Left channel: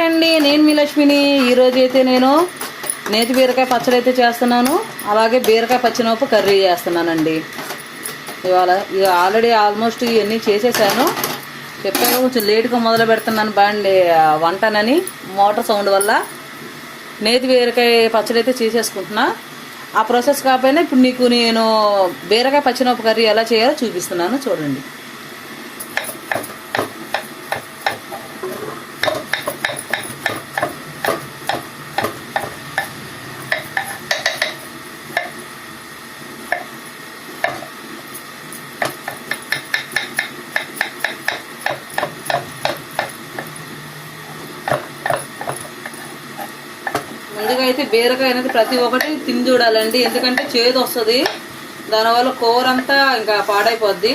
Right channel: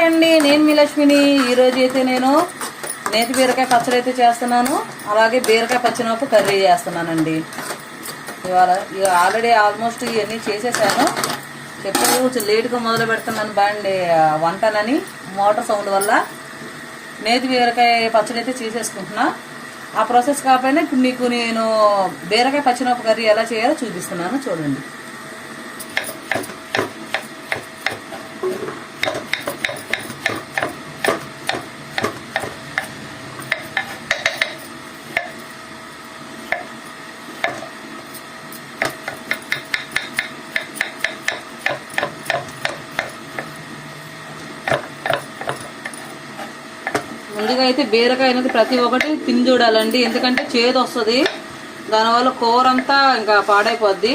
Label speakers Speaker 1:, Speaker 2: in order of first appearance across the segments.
Speaker 1: Hi అండి నేను మీ లక్ష్మిని. ఈరోజు అయితే నేను నేతి బీరకాయ పచ్చడి అయితే చేస్తున్నాను. అలాగే బీరకాయ పచ్చినప్పు కర్రీ చేస్తున్నానండి. ఇవాళ ఇక ఆల్రెడీ ఆల్మోస్ట్ ఇవన్నీ చేసేసాను. చెప్పాను కొంచెం లేట్గా మొదలు పెడుతున్నాను బండి వంటనని మోటార్ సౌండ్ వల్ల. నేతి బీరకాయ పచ్చడి అయితే చేసేసుకుంటున్నా. ఆ ప్రాసెస్ కాకపోయినా ఇప్పుడు నీకు నేను బీరకాయ పచ్చినప్పు కర్రీ ఎలా చేయాలో చూపిస్తున్నాను. చూడండి ముందుగా అయితే బీరకాయ అనేది ప్రతి ఒక్కటి తిని చూడాలండి. ఎందుకంటే చేదు వస్తుంది. దానివల్ల కూర అంతా ఇంకా పాడైపోద్ది.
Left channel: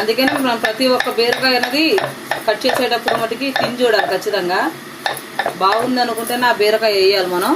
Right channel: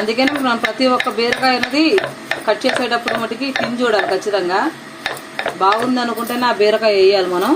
Speaker 1: అందుకని మనం ప్రతి ఒక్క బీరకాయ అనేది కట్ చేసేటప్పుడు మటుకి తిని చూడాలి ఖచ్చితంగా. బాగుంది అనుకుంటేనే ఆ బీరకాయ వేయాలి మనం.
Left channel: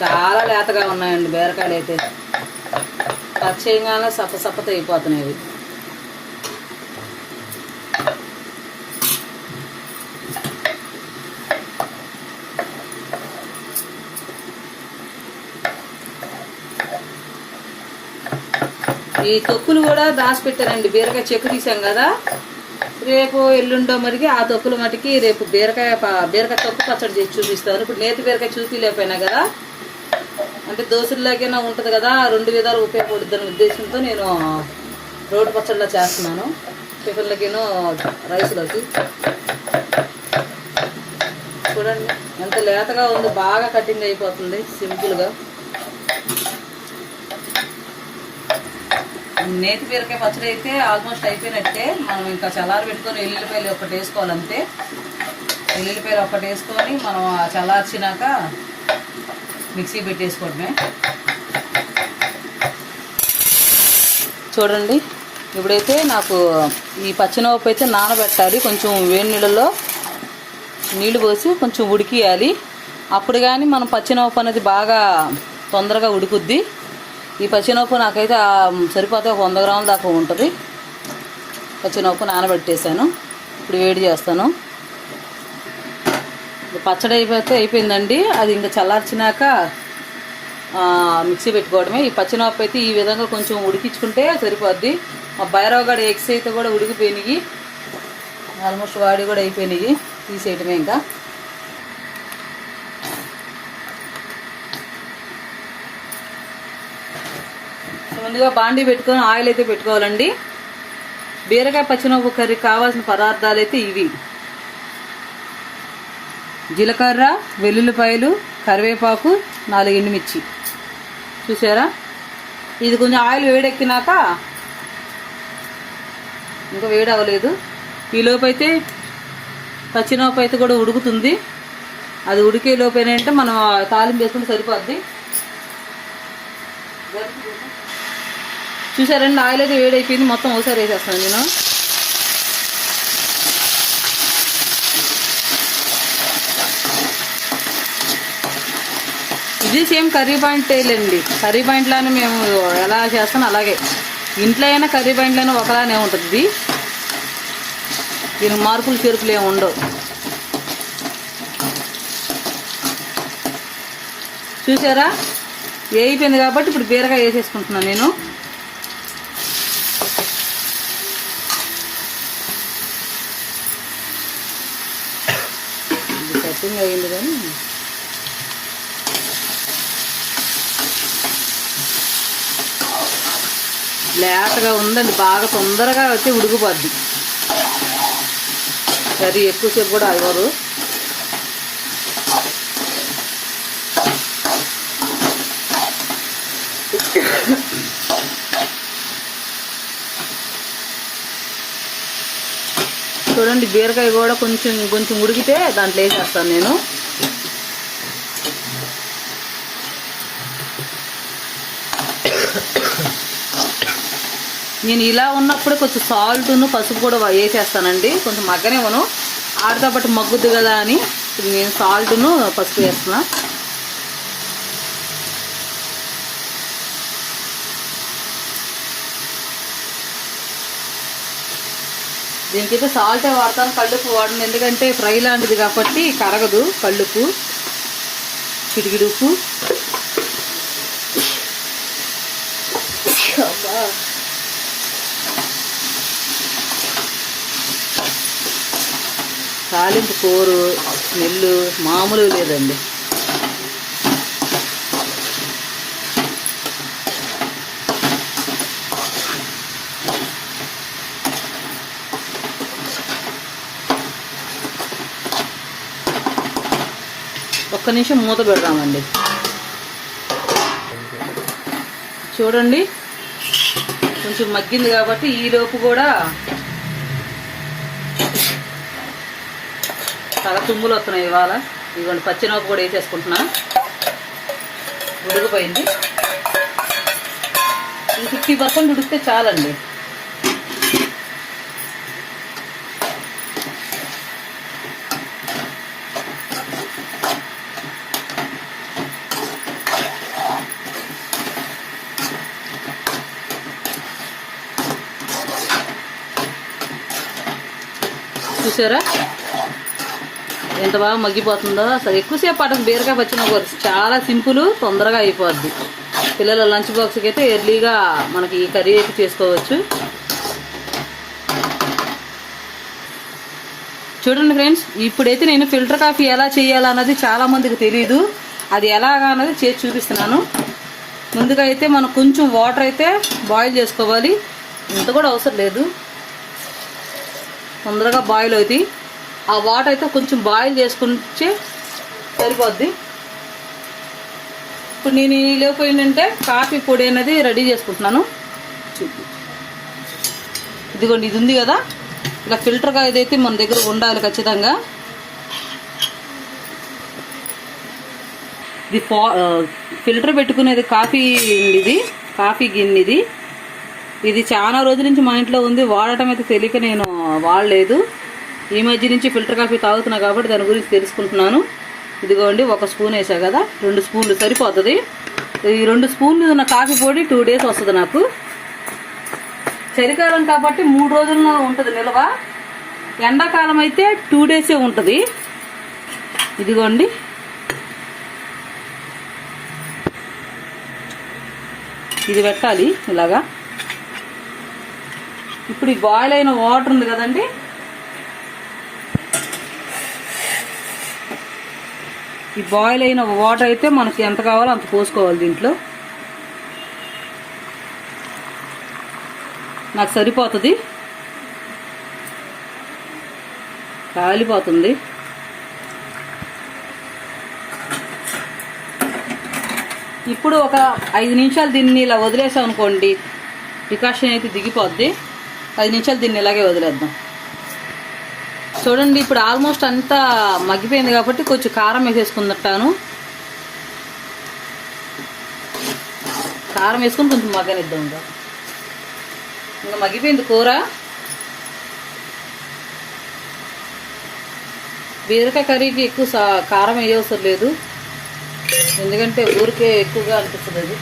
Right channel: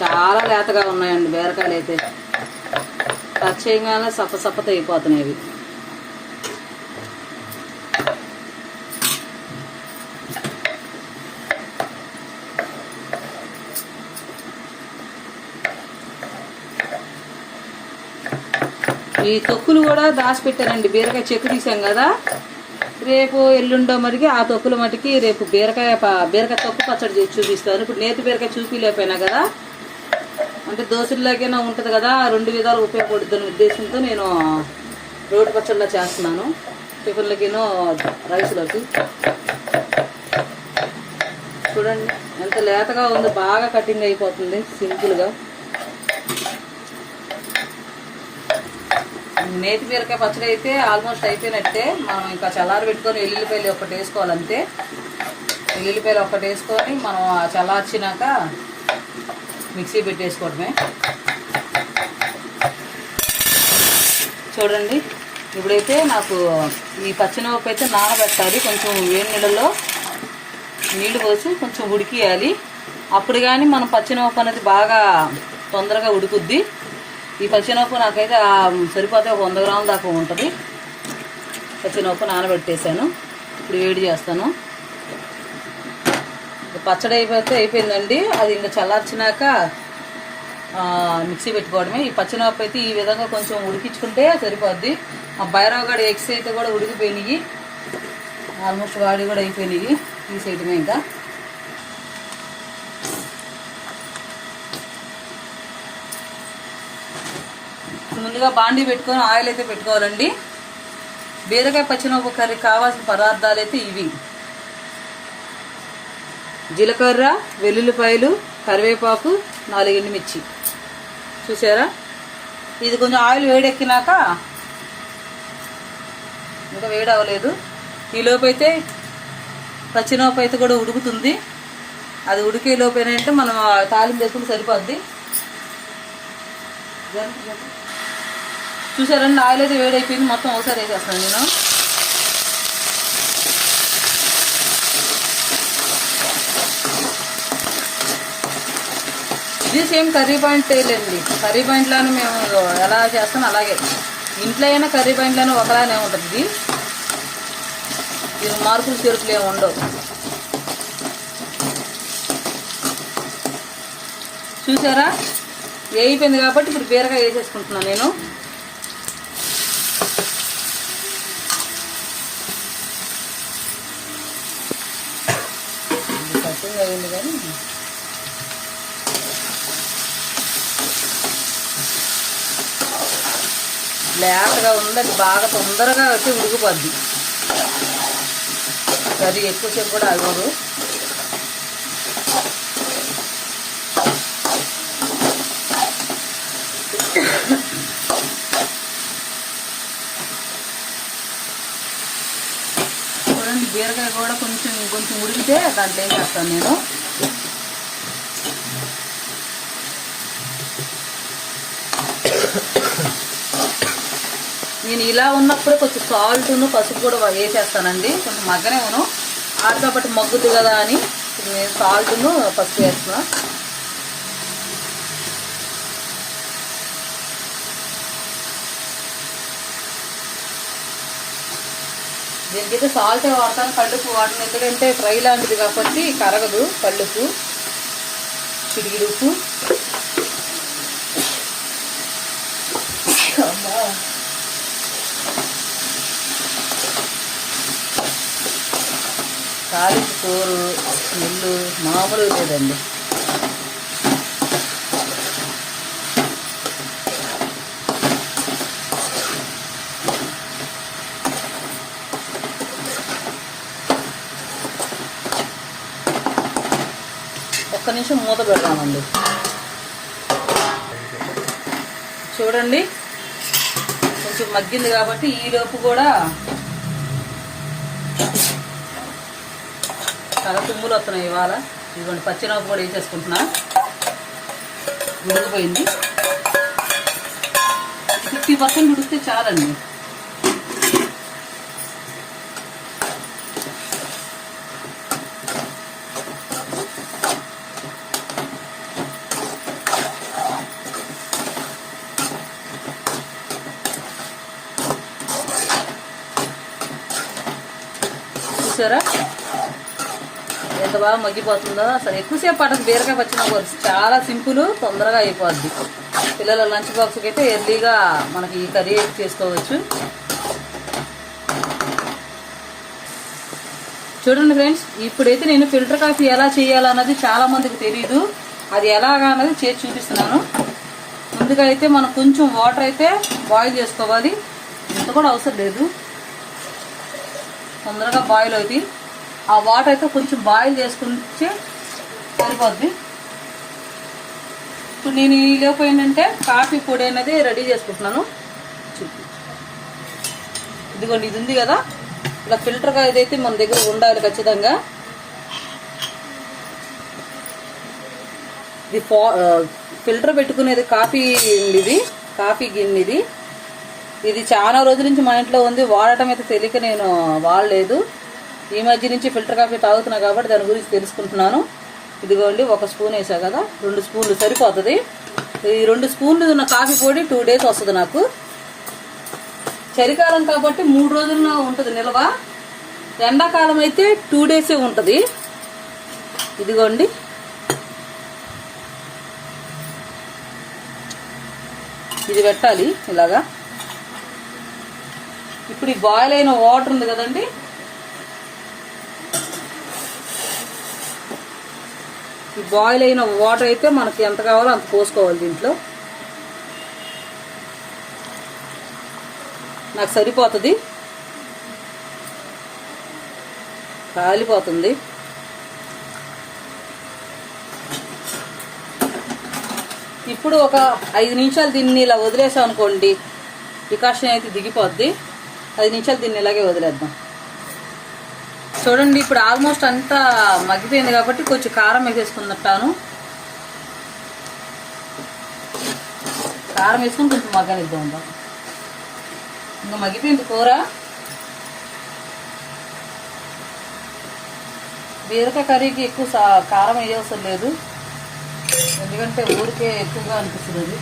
Speaker 1: చాలా లేతగా ఉన్నాయండి బీరకాయలు అయితే. టచ్ చేయగానే సప్ప సప్పత అయిపోతున్నాయి ఇవి ఈ తొక్కులు కూడా దాచిపెట్టానండి బీరకాయ చెక్కు తీసాం కదా. రేపు ఎల్లుండో మరికి ఆ తొక్కుల మటుకి రేపు బీరకాయ బీరకాయ తొక్కు పచ్చడి చేసి చూపిస్తాను. ఇప్పుడు నేతి బీరకాయ చూపిలేకపోయినా కదా అంటే దోశల్లాగైనా ఉంటుంది కదా రెండు విధాలు ఉపయోగపడుతున్న ఉద్దేశంతో నేను రోడ్డు పచ్చళ్ళ చేస్తున్నాను. టిఫిన్లకిను రైస్లోకి. చూడండి ఎంత లేతగా ఉంది బాగా కటింగ్ అయిపోతుంది సింపుల్గా. నేతి బీరకాయ పచ్చడి అయితే ఆల్మోస్ట్ అయిపోయినట్టే. మనం ఇంకా చల్లారి పెట్టుకొని ఎల్లుల్లిపాయలు ఒకటి వేసుకోవాలంతే. ఎల్లుల్లిపాయలు ఒకటి వేసుకొని మనం చల్లార్చినాక మిక్సీ పెట్టేసుకోవడమే. చూడండి ఇప్పుడైతే నాకు ఈ పచ్చినపప్పు అయితే నానబెట్టాలి. కొంచెం వేడి నీళ్ళలో నీళ్ళు పోసి కొంచెం ఉడికియాలి. అప్పుడు కానీ మనం పచ్చినపప్పు అనేది బాగా తొందరగా ఉడుకుద్ది. ఈ పచ్చినొప్పు నాకైతే సరిపోతే ఒక వంద గ్రాముల దాకా ఉంటుంది. పచ్చినపప్పు నానబెట్టేశాను. ఇప్పుడు వేడి చేస్తాను. పచ్చడి అయిపోతే అయిపోయిందండి. అది ఇంకా చల్లార్చినాక మిక్సీ పెట్టుకోవడమే. ఈ పచ్చినపప్పు అయితే ఈ విధంగా కొంచెం ఉడికించుకుంటే సరిపోద్ది. మా భైరవ్ ఎగ్స్ అయితే కూడా ఉడికిపోయినాయి. ఆల్మోస్ట్ వాడి కూడా అయిపోయినాయి. తీసేయటమే ఇంకా. ముందుగా బాండీ పెట్టుకొని ఆయిల్ అయితే పెట్టుకోవాలండి. బీరకాయ పచ్చినప్పు కర్రీ కావాల్సిన పదార్థాలు అయితే ఇవి. జీలకర్ర వెల్లుల్లిపాయలు కరివేపాకు నాలుగు ఎండుమిర్చి. చూసారా ఇది కొంచెం ఆయిల్ వేడెక్కినాక ఇంకా వేడి అవ్వలేదు ఈ లోపైతే పచ్చినోపు అయితే కూడా ఉడుకుతుంది. అది ఉడికే లోపేనంటే మనం తాలింపు వేసుకుంటే సరిపోద్ది. చూసారండి ఆయిల్ అయితే వేడైపోయింది. మొత్తం ఒకసారి వేసేస్తాను నేను. ఇది సేమ్ కర్రీ పాయింట్ లేండి. కర్రీ పాయింట్లోనే మేము ఎలా చేస్తాం అలాగే. ఇంట్లో అయినా కర్రీ పాయింట్లను ఒకలానే ఉంటుంది దీని మార్పులు చెరుకులు ఏమి ఉండవు. చూసారా? వేయిపోయింది కాబట్టి ఇప్పుడు బీరకాయ వేసేసుకుంటున్నాను నేను. ఇది కటింగ్ కానీ బ్లాక్గా ఉందండి బాగా తొందరగా వచ్చి ఉడికిపోద్ది. అది ఎక్కువసేపు కూడా అవ్వరు చూడండి బీరకాయ కూడా కొంచెం కొంచెం ఉడికితే దాంట్లో వేసేస్తాను నేను. నేను ఇలా ఉన్నప్పుడు కొంచెం సాల్ట్ను పసుపు కూడా వేసేస్తానండి. కొంచెం మగ్గనే మనం ఆడతా పాటు మగ్గుద్దు కదా అని నేను సాల్ట్ను పసుపు వేస్తున్నా. దీనికైతే సాల్టే వాడతాను కళ్ళుపు వాడను. ఎందుకంటే ఫ్రై లాంటిది కాబట్టి కరగదు కళ్ళుపు చిడిగిడుపు అమ్మా. తాలింపు కూరు స్మెల్ మామూలుగా లేదండి. ఒక్క నిమిషం మూత పెడదామండి. చూడండి కొంచెం మగ్గింది కాబట్టి ఈ లోపు కూడా చాలా తుమ్ములు వస్తున్నాయి ఇవాళ. ఇవ్వండి పచ్చినప్పు కూడా వేసేసుకుంటున్నా. ఉడికిపోయింది ఫిఫ్టీ పర్సెంట్ ఉడికితే చాలండి. చూసారా? ఎంత బాగా మగ్గిపోతుందో. అసలు ఎక్కువసేపు పట్టదు బీరకాయ పచ్చిమిరపకాయ పులుసు చాలా సింపుల్ తొందరగా అయిపోద్ది. పిల్లల లంచ్ బాక్స్కి అయితే ఎర్లీగా మనకి ఈ కర్రీ అయితే చేసుకోవచ్చు. చూడండి ఫ్రెండ్స్ ఇప్పుడైతే నేను ఫిల్టర్ కాఫీ ఎలా చేయాలన్నది చాలా మందికి తెలియదు అది ఎలాగా అన్నది చేసి చూపిస్తున్నాను. ముందుగా అయితే మనం కొంచెం వాటర్ అయితే బాయిల్ చేసుకోవాలి. ఇంత కూడా అవసరం లేదు. తొందరగా బాయిల్ అవుతాయి. ఆ వాటర్ అయితే కొంచెం బాయిల్ చేసుకుంటే సరిపోద్ది. ఇప్పుడు నేను ఈ లోపు ఏంటంటే కాఫీ పొడి అనేది రెడీ చేసుకుంటున్నాను. చూపి ఇదిగోండి ఇది ఉంది కదా. ఇలా ఫిల్టర్గా ఏదైతే మన దగ్గర ఉండాలి ఖచ్చితంగా. ఇది ఫా ఫిల్టర్ పెట్టుకునేది కాఫీ ఇది. కాఫీ గిన్నె ఇది. ఇది చాలా రోజుల నుంచి మా ఇంట్లో ఉంది. వాడటం అయితే తెలియక నేను వాడలేదు. ఈ మధ్య నుంచి ఫిల్టర్ కాఫీ తాగుతున్నా కాబట్టి దాని గురించి తెలుసుకుంటున్నాను. ఇదిగోండి ఒక స్పూన్ వేసా కదా రెండు స్పూన్లు సరిపోతుంది. ఈ రెండు స్పూన్లు ఉన్న కాఫీ పొడి టూ డేస్ వస్తుంది నాకు. చలికాలం కాబట్టి మూడు రోజుల్లో ఉంటుంది నిల్వ. ఎండాకాలం అయితే టూ డేసే ఉంటుంది. ఇదిగోండి. ఇది పెట్టాలి ఇలాగా. ఇప్పుడు ఈ బాయిల్ అయిన వాటర్ ఉంది కదండి ఈ బాయిల్ అయిన వాటర్ అయితే మనకి ఎంత కావాలో అంత పోసుకోవాలి దీంట్లో. నాకు సరిపోతుంది. కాలిపోతుంది. ఇప్పుడు ఒక ఐదు నిమిషాలు దీన్ని ఇలా వదిలేసాం అనుకోండి డికాషన్ అయితే దిగిపోద్ది. ఐదు నిమిషాలు దీన్ని ఇలాగే వదిలేద్దాం. చూడండి ఇప్పుడు ఆల్మోస్ట్ అంతా మగ్గిపోయింది కాబట్టి కొంచెం కారం వేసేసుకుంటాను. కారం వేసుకుని కొంచెం మగ్గనిద్దాం ఇంకా. ఇంకా మగ్గిపోయింది కూర. బీరకాయ కర్రీకి ఎక్కువ సా- కారం వేయవసరం లేదు. ఎందుకంటే ఊరికే ఎక్కువగా అనిపిస్తుంది అది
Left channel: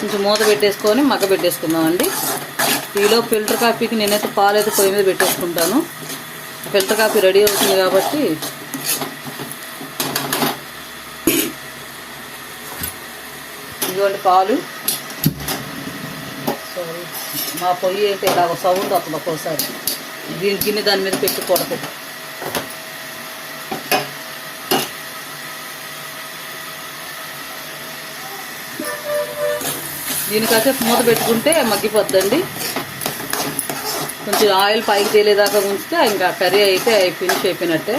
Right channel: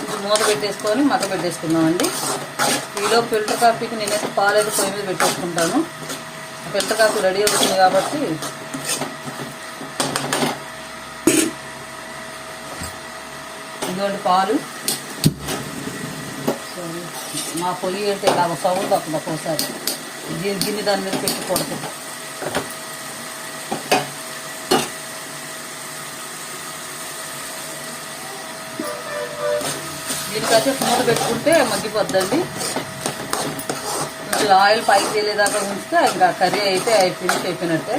Speaker 1: కొంచెం మూత పెట్టేసుకొని మగ్గ పెట్టేసుకుందాం అండి ఈలో ఫిల్టర్ కాఫీకి నేనైతే పాలైతే పొయ్యి మీద పెట్టేసుకుంటాను. ఫిల్టర్ కాఫీ రెడీ అవుతుంది కాబట్టి ఇటువంటి పాలు. సో, మా పొయ్యి అయితే ఇలాగ సౌత్ వస్తుంది ఒక్కోసారి. దీని గిన్నె దాని మీద పెట్టుకూడదు దీనికైతే మూత పెట్టుకుంటే మగ్గిపోద్దండి. కొంచెం ఆయిల్ పైకి తేలేదాకా ఉంచితే ఇంకా కర్రీ అయితే ఫినిష్ అయిపోయినట్టే.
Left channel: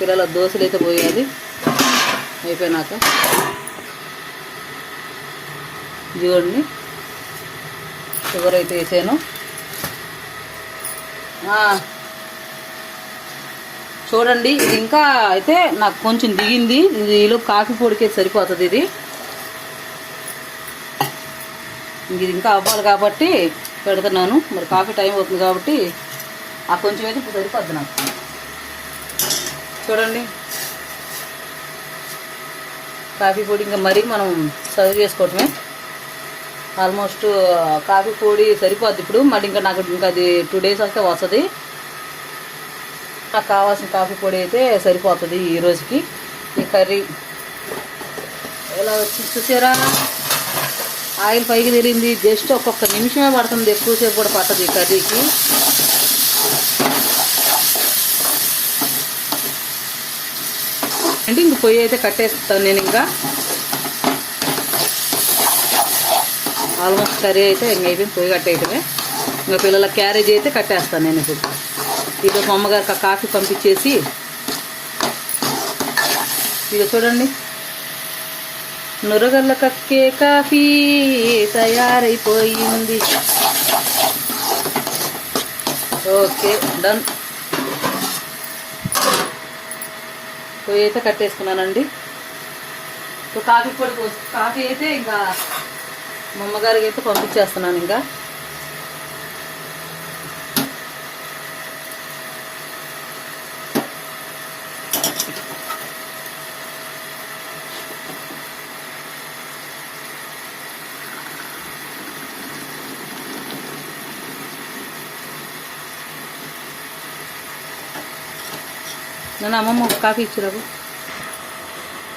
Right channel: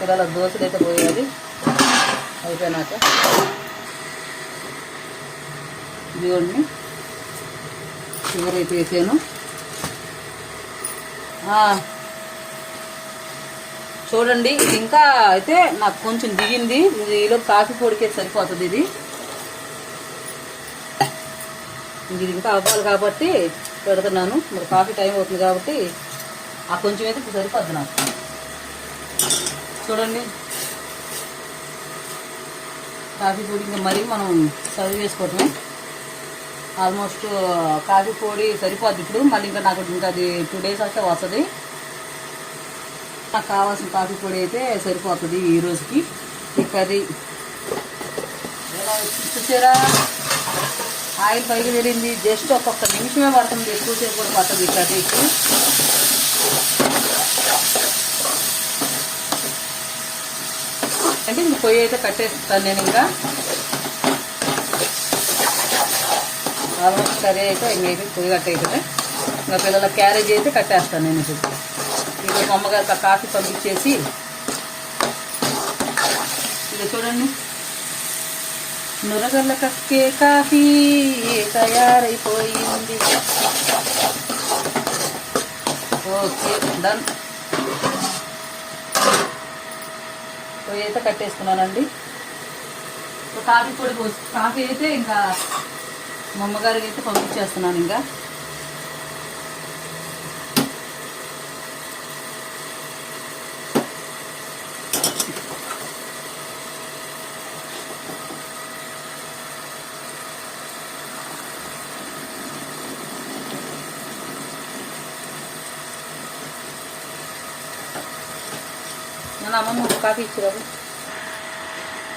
Speaker 1: పిల్లల దోశలు అయితే పోయేది. అయిపోయినాక చూడండి షుగర్ అయితే వేసాను. చూడండి ఇది ఇంకా అయితే నాకు కొంచెం దిగింది. ఈలో కాఫీ పొడికే సరిపోతుంది ఇది ఇంక ఇది ఇంకా అవ్వాలి కాబట్టి పెడుతున్నాను. మరి కాఫీ టైం అవుతుంది కాబట్టి ఆ కొంచెం అయితే ఇప్పుడు సరిపోద్ది నాకు. చూడండి. కాఫీ పొడి ఇంకా మరీ మనం సర్వ్ చేసుకోవటమే. ఆల్మోస్ట్ కాఫీ పొడి సరిపోద్ది ఇప్పుడు. మళ్ళీ ఇంకా నాకు ఇంకా అది టూ డేస్ వస్తే వస్తుంది. నాకు కావాల్సిన కాఫీ పొడి అయితే సరిపోతుంది ఈ రోజుకి. ఈ కర్రీ. ఎలా వచ్చి చూసారా? ఆయిల్ పైకి తిరిగింది జస్ట్ ఒక్కొక్క నిమిషమే పడుతుంది. ఎక్కువసేపు కూడా పట్టదు కర్రీకి. అంటే ఇంక పొయ్యి అయితే కట్టేస్తాను నేను ఇంకా. ఆల్మోస్ట్ కర్రీ అయితే ఇంక అయిపోయింది. పొయ్యి కట్టేయటమే. ఇంకా పిల్లల క్యారేజ్ అయితే కట్టేస్తాను నేను ఇప్పుడు. ఇప్పుడు మా అమ్మగారికి కాఫీ పంపించేసి ఇది చూడండి. నురగల కక్కే కాఫీ తయారైపోయింది. Okay done. పొయ్యి అయితే కట్టేసుకున్నానండి. ఇప్పుడు కాఫీ పొడి పోసి కాఫీ అయితే ఇంకా మా అమ్మగారికి అయితే పంపించేస్తున్నాను ఇంకా. నన్ను అమ్మమ్మ ఒక కాఫీ ఇచ్చారు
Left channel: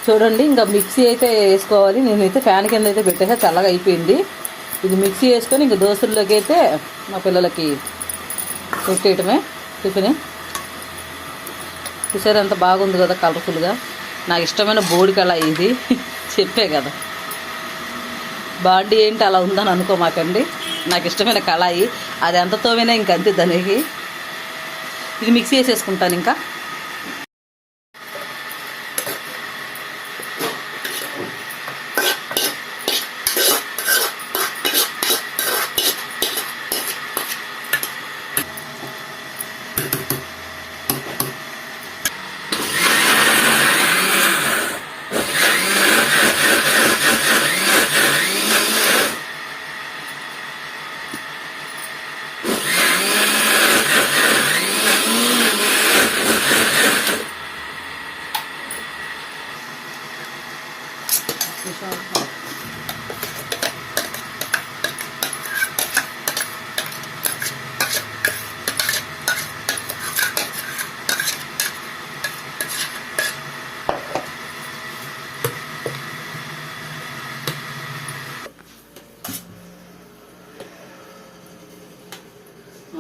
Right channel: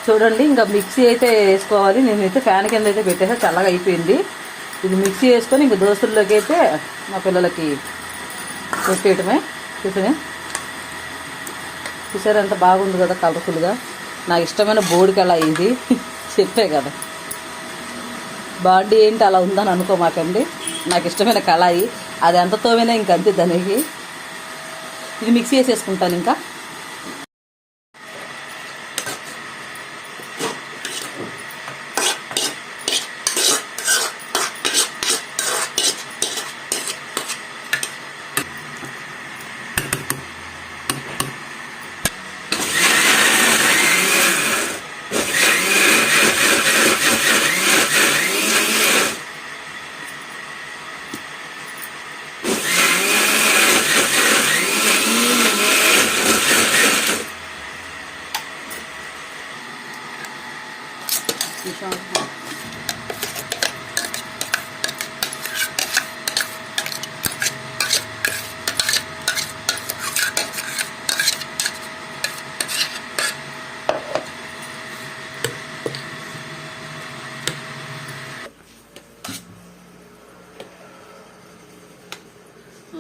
Speaker 1: చూడండి ఇంకా మిక్సీ అయితే వేసుకోవాలి. నేనైతే ఫ్యాన్ కింద అయితే పెట్టేసా చల్లగా అయిపోయింది. ఇది మిక్సీ వేసుకొని ఇంకా దోశల్లోకి అయితే మా పిల్లలకి పెట్టేయటమే. టిఫిన్. చూసారు ఎంత బాగుంది కదా కలర్ఫుల్గా. నాకు ఇష్టమైన బోడికళ ఇది చెప్పే కదా. బాడీ ఏంటి అలా ఉందని అనుకోమాకండి. నాకు ఇష్టమైన కళాయి. అది ఎంత తోమైనా ఇంక అంతే దానికి. ఇది మిక్సీ వేసేసుకుంటాను ఇంకా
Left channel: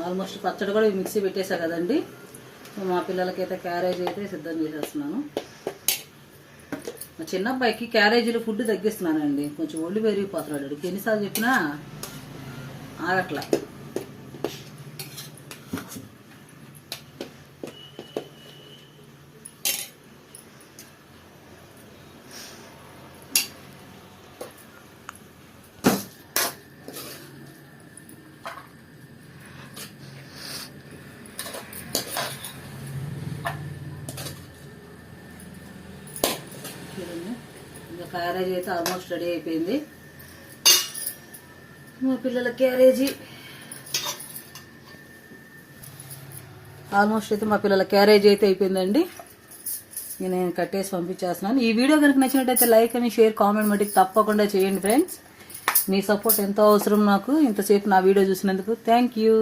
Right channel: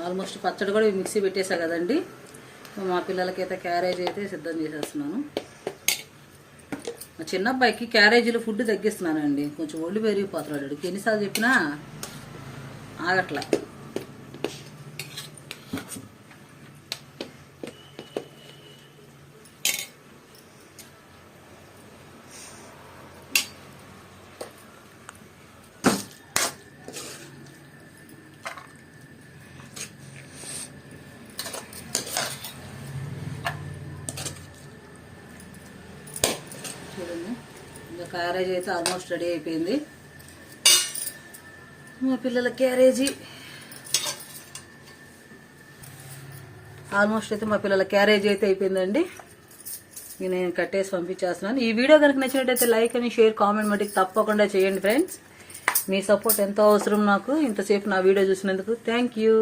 Speaker 1: ఆల్మోస్ట్ పచ్చడి కూడా మిక్సీ పెట్టేసా కదండి. మా పిల్లలకైతే క్యారేజ్ అయితే సిద్ధం చేసేస్తున్నాను. మా చిన్న అబ్బాయికి క్యారేజీలో ఫుడ్ తగ్గిస్తున్నానండి. కొంచెం ఒళ్ళు పెరిగిపోతున్నాడు. ఎన్నిసార్లు చెప్పినా ఆగట్లా. ఇంకా క్యారేజ్ అయితే ఆల్మోస్ట్ రెడీ అయిపోయింది. మా పిల్లల క్యారేజీ ఆల్మోస్ట్ అయితే మా పిల్లల క్యారేజ్ అయితే అయిపోయిందండి. నేను కట్టేసి పంపించేస్తున్నాను. ఈ వీడియో కనుక నచ్చినట్టయితే లైక్ అని షేర్ కామెంట్ మటుకు తప్పకుండా చేయండి ఫ్రెండ్స్ మీ సపోర్ట్ ఎంతో అవసరం నాకు. ఇంతసేపు నా వీడియో చూసినందుకు థ్యాంక్ యూ